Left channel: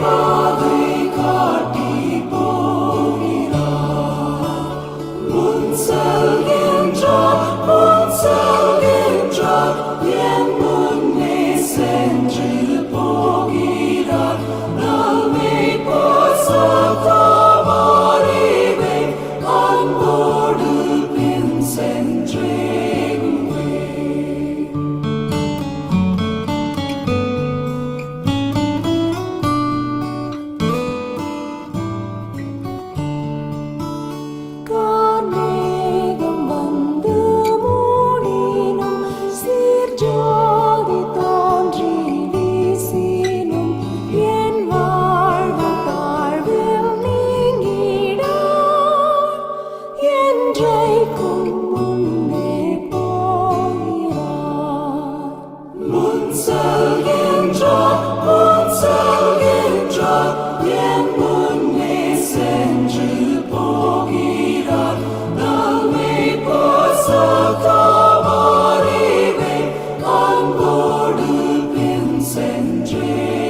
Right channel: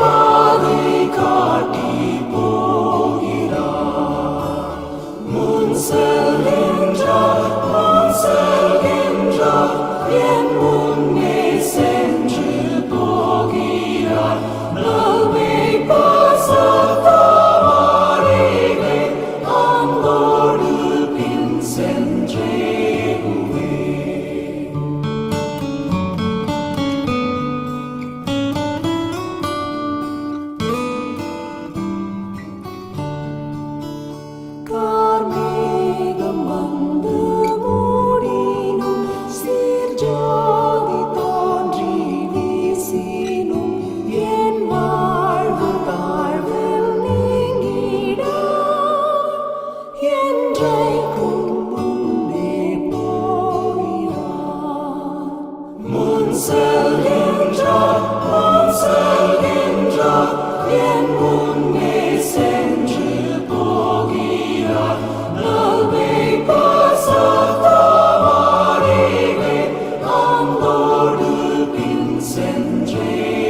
Padre cardi proira Munzelinja, Munzelinja Yen munne senji pogira Dalme pasata marime Angolu pinsenjere me. சென்றே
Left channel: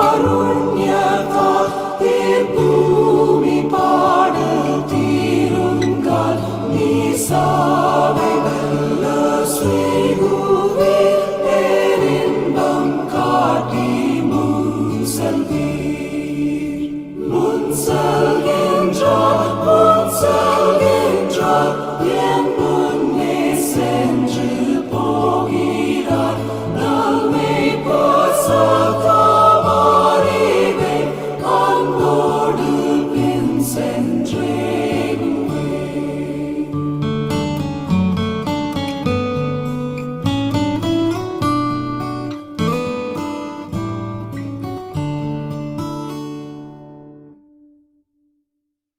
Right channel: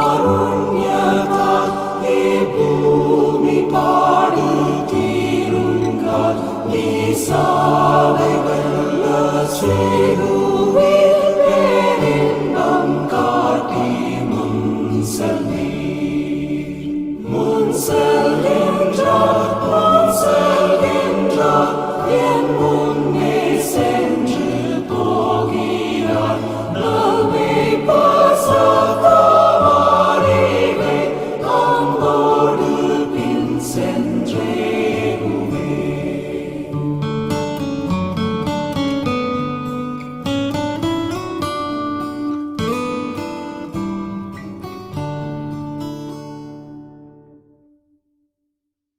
mi sale bella sei